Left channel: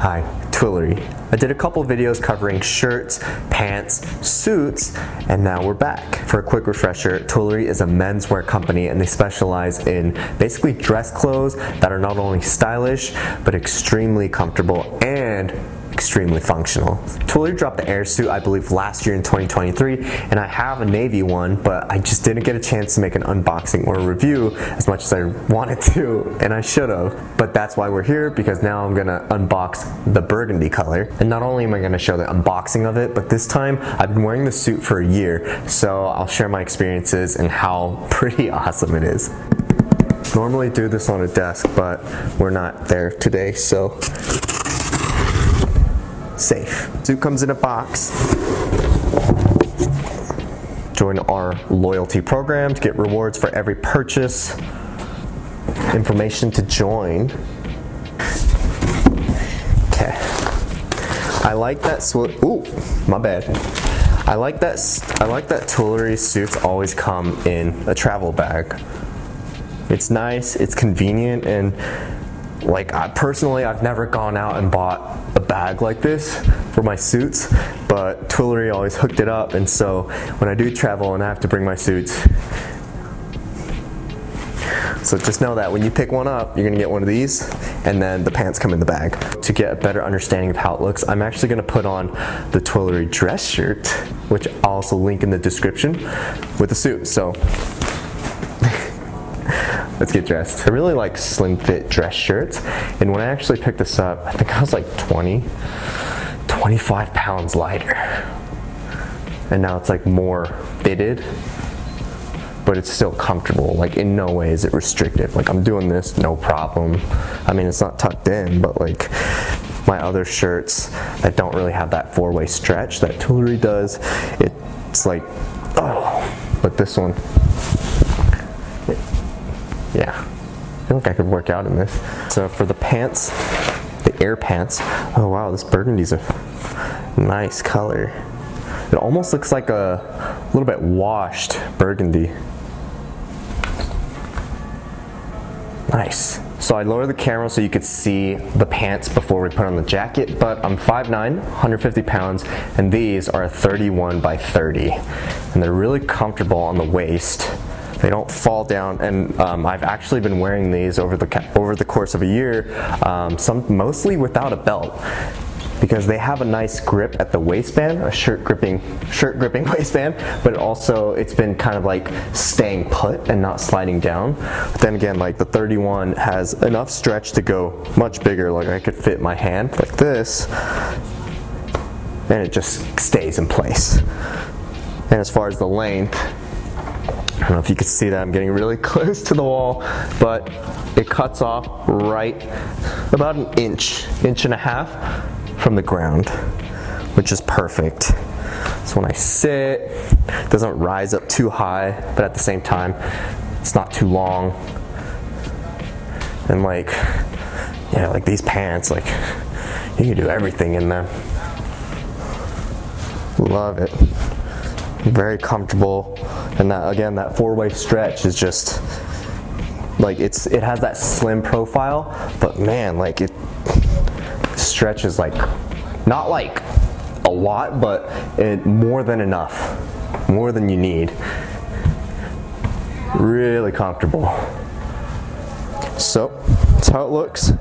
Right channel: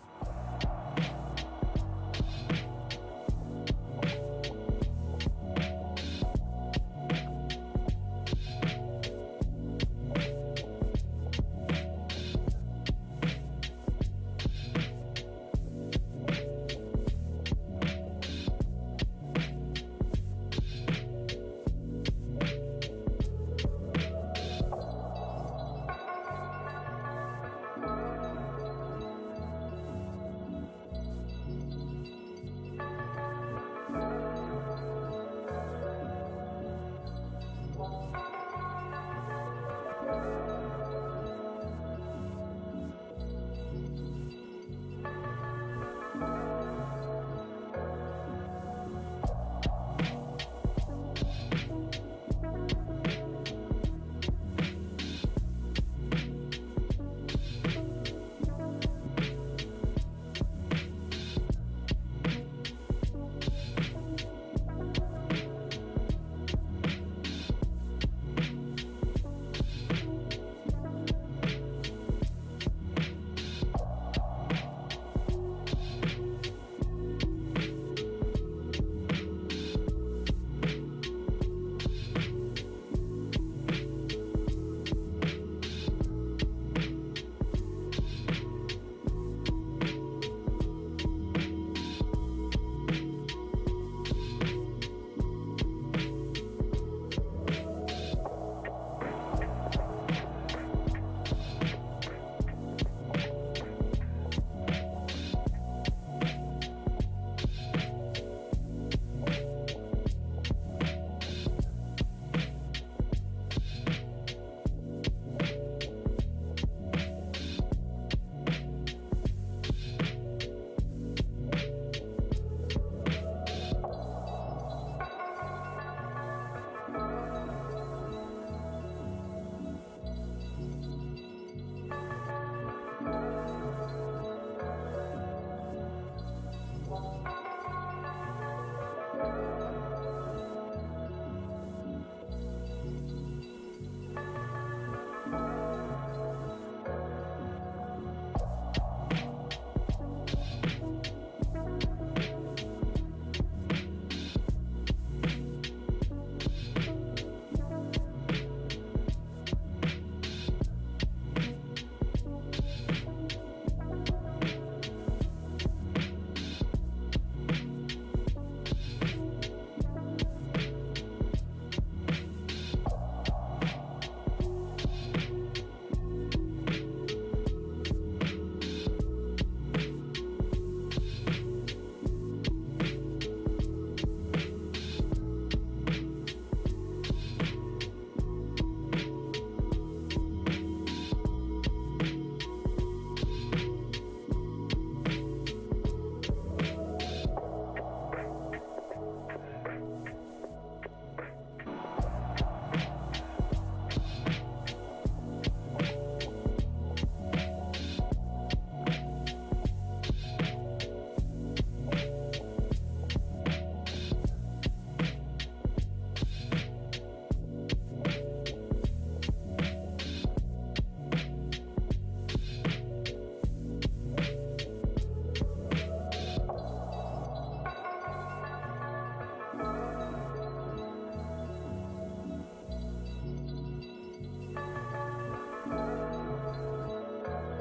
Hi, Twillory. I did a couple videos covering shirts, pants, suits, and now we're back. For a quick refresher, Twillory is a menswear company and they specialize in basically dress clothes that are not only stylish, but extremely comfortable and extremely functional. Twillory dropped the Air suit, I believe, last year in 2023, and I have a navy one, but I just didn't get a chance to make an unboxing or a review as much as I wanted to, and I should have. But that's why we're here, because now I'm gonna unbox the burgundy color. And not only am I gonna show the unboxing of it, but this time I've been wearing the suit for a year, so I'll share my experiences and how pretty awesome it is. Normally do this on a desk, but we're not there today, so safe. Suit comes in a box. Join our loyalty program to get rewards for every purchase. Information to join. Okay. I like that ooh, my bad. I like that Twillory suits always come in a travel bag. It's nice, it's convenient, and like personally, I've never gone out and bought a bag like this for my suits, but Twillory always hooked it up, and so when I do travel and I have to bring my suits, so just know that when you pick one up, you're gonna get one of these, and then the pants come in the bag. To get a better understanding of how it looks, I'm actually gonna put on the Twillory dress shirt, which I'll also link in the description, with the suit, so let's get dressed. I really like slim fit dress shirts, and when I actually picked this up, I think I was like 25 pounds lighter. And now it's like more fitted, but it's still comfortable. Like in no way is it restrictive. Like I'm doing this, no problem. I mean, it's not tucked in, but like my other shirts that don't really have that four-way stretch that Twillory does, it's like, oh, but this one, yeah, I feel like I could work out in this. So for the pants, the Air pants, oh wow, this burgundy's a nice color. It almost looks like a little bit washed burgundy. Nice. So I lowered the camera so you could see the pants before we put on the jacket, but I'm 5'9", 150 pounds, and these are 31 by 30. And they're really comfortable on the waist. They don't fall down, and I've actually been wearing these over the course of a year, mostly without a belt, because they have a nice grip at the waistband, a shirt gripping waistband, but also it's been kind of like staying put and not sliding down. But then again, like the 31 has enough stretch to go much bigger, like I could fit my hand like this, and it just stays in place. And as far as the length, I don't know if you can see that, I'm getting really close to the wall, but it cuts off right about an inch and a half from the ground, which is perfect. So when I sit, it doesn't rise up too high, but at the same time, it's not too long. And like, yeah, like these pants, like you can do everything in them. Love it. Very comfortable, and that again, that four-way stretch is just like it has that slim profile, but man, like it stretches like not like a lot, but more than enough, more than you need. Really comfortable. So that's how it looks.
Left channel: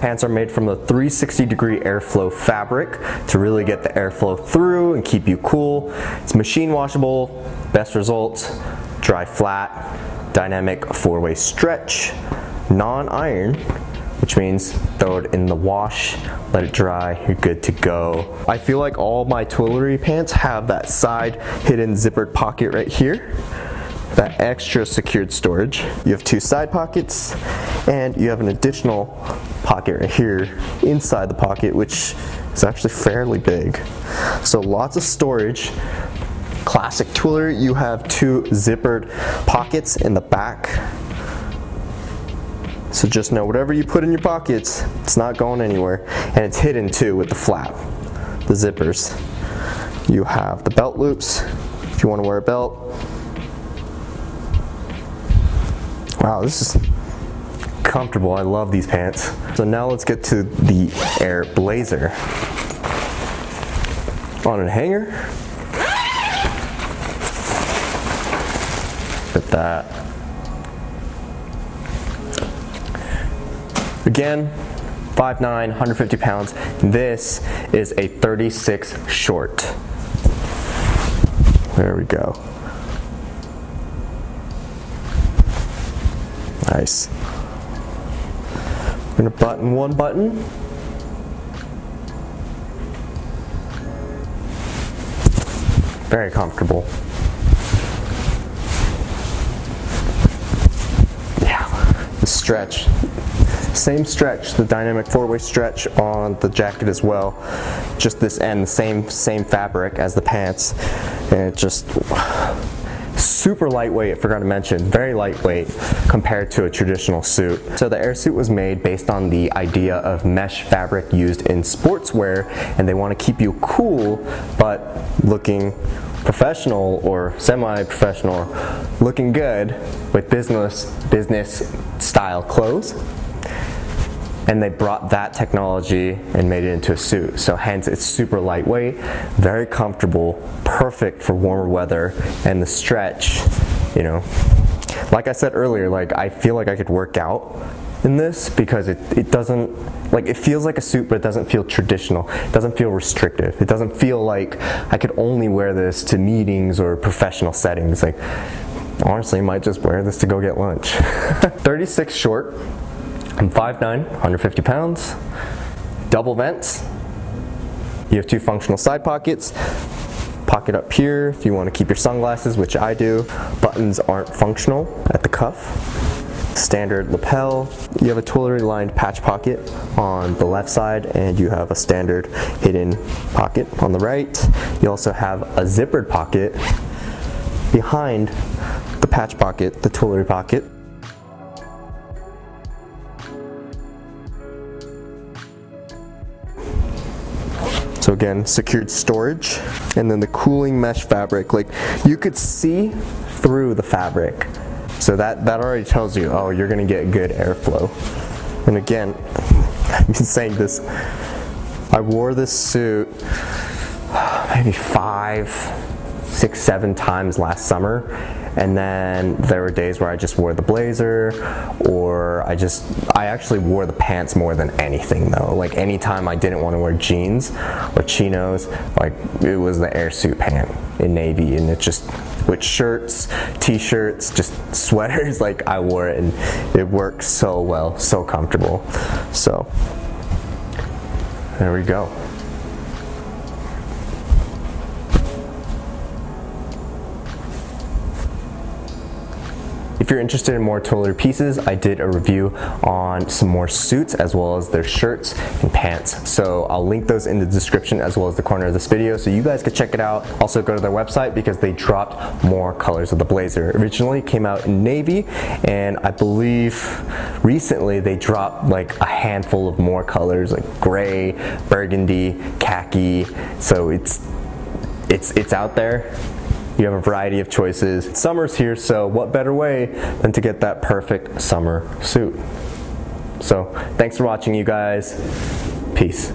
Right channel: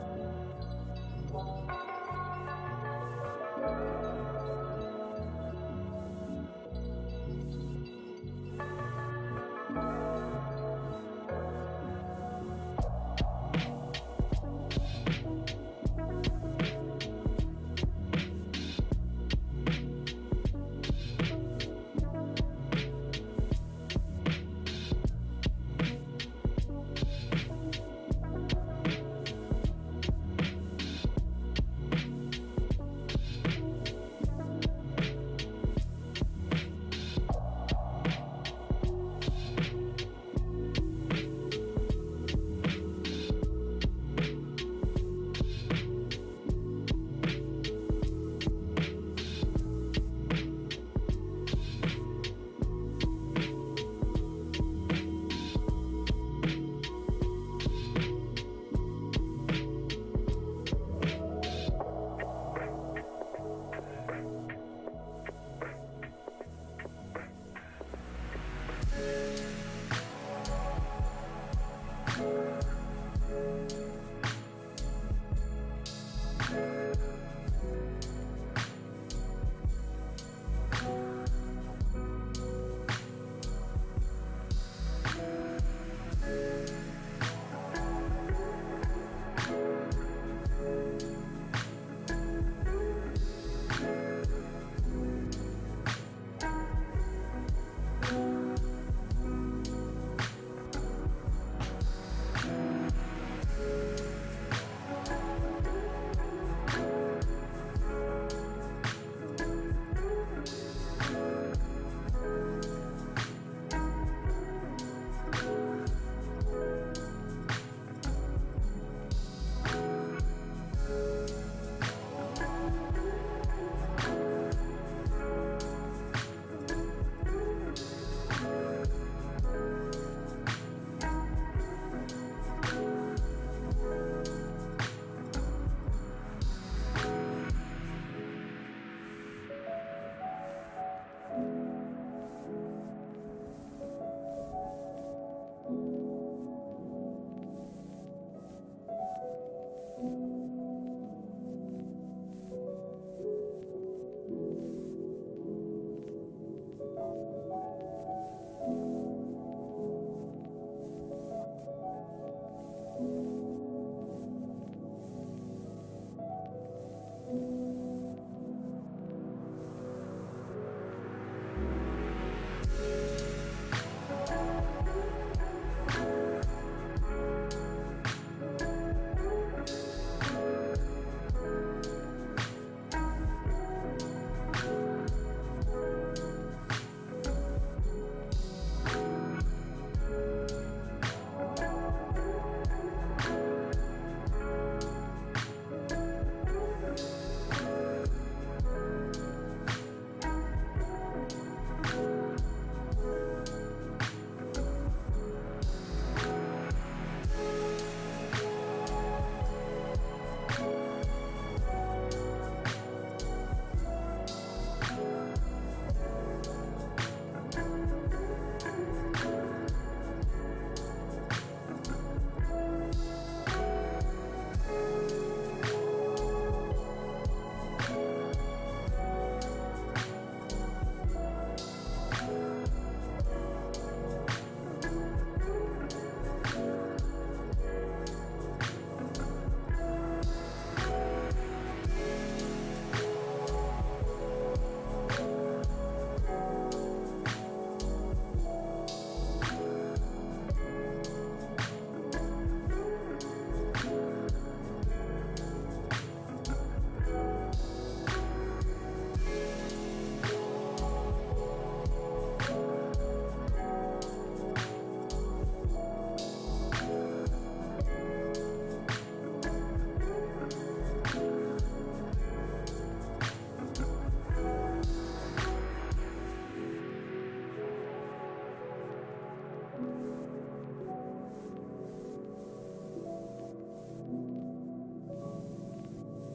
Pants are made from the 360-degree airflow fabric to really get the airflow through and keep you cool. It's machine washable, best results, dry flat, dynamic four-way stretch, non-iron, which means throw it in the wash, let it dry, you're good to go. I feel like all my Twillory pants have that side hidden zippered pocket right here, that extra secured storage. You have two side pockets, and you have an additional pocket right here inside the pocket, which is actually fairly big. So lots of storage. Classic Twillory, you have two zippered pockets in the back. So just know whatever you put in your pockets, it's not going anywhere. And it's hidden too with the flap, the zippers. You have the belt loops if you want to wear a belt. Wow, this is comfortable. I love these pants. So now let's get to the Air Blazer. On a hanger. With that. Again, 5'9", 150 pounds. This is a 36 short. There we go. Nice. I'm gonna button one button. Very comfortable. Yeah, the stretch. Same stretch, the dynamic four-way stretch on the jacket as well. Just this end, the same fabric as the pants. And it just super lightweight, I forgot to mention, very lightweight compared to a traditional suit. So the Air suit was made based on the idea of mesh fabric used in sportswear, and they want to keep you cool but looking professional or semi-professional, looking good with business style clothes. And they brought that technology and made it into a suit. So hence it's super lightweight, very comfortable, perfect for warmer weather, and the stretch, you know, like I said earlier, like I feel like I could work out in this because it doesn't, like it feels like a suit, but it doesn't feel traditional. It doesn't feel restrictive. It doesn't feel like I could only wear this to meetings or professional settings. Like honestly, I might just wear this to go get lunch. 36 short. I'm 5'9", 150 pounds, double vents. You have two functional side pockets. Pocket up here if you want to keep your sunglasses, which I do. Buttons aren't functional at the cuff. Standard lapel. You have a Twillory lined patch pocket on the left side, and you have a standard hidden pocket on the right. You also have a zippered pocket behind the patch pocket, the Twillory pocket. So again, secured storage, and then the cooling mesh fabric. Like you could see through the fabric. So that already tells you, oh, you're gonna get good airflow. And again, I've been saying this, I wore this suit maybe 5, 6, 7 times last summer. And then there were days where I just wore the blazer, or I actually wore the pants more than anything though. Like anytime I didn't want to wear jeans or chinos, like it was the Air suit pant in navy, and it just, with shirts, t-shirts, just sweaters, like I wore it and it worked so well, so comfortable. So there we go. If you're interested in more Twillory pieces, I did a review on some more suits as well as their shirts and pants. So I'll link those in the description as well as the corner of this video so you guys can check it out. Also go to their website because they dropped more colors of the blazer. Originally came out in navy, and I believe recently they dropped like a handful of more colors like gray, burgundy, khaki. So it's out there. You have a variety of choices. Summer's here, so what better way than to get that perfect summer suit? So thanks for watching, you guys. Peace.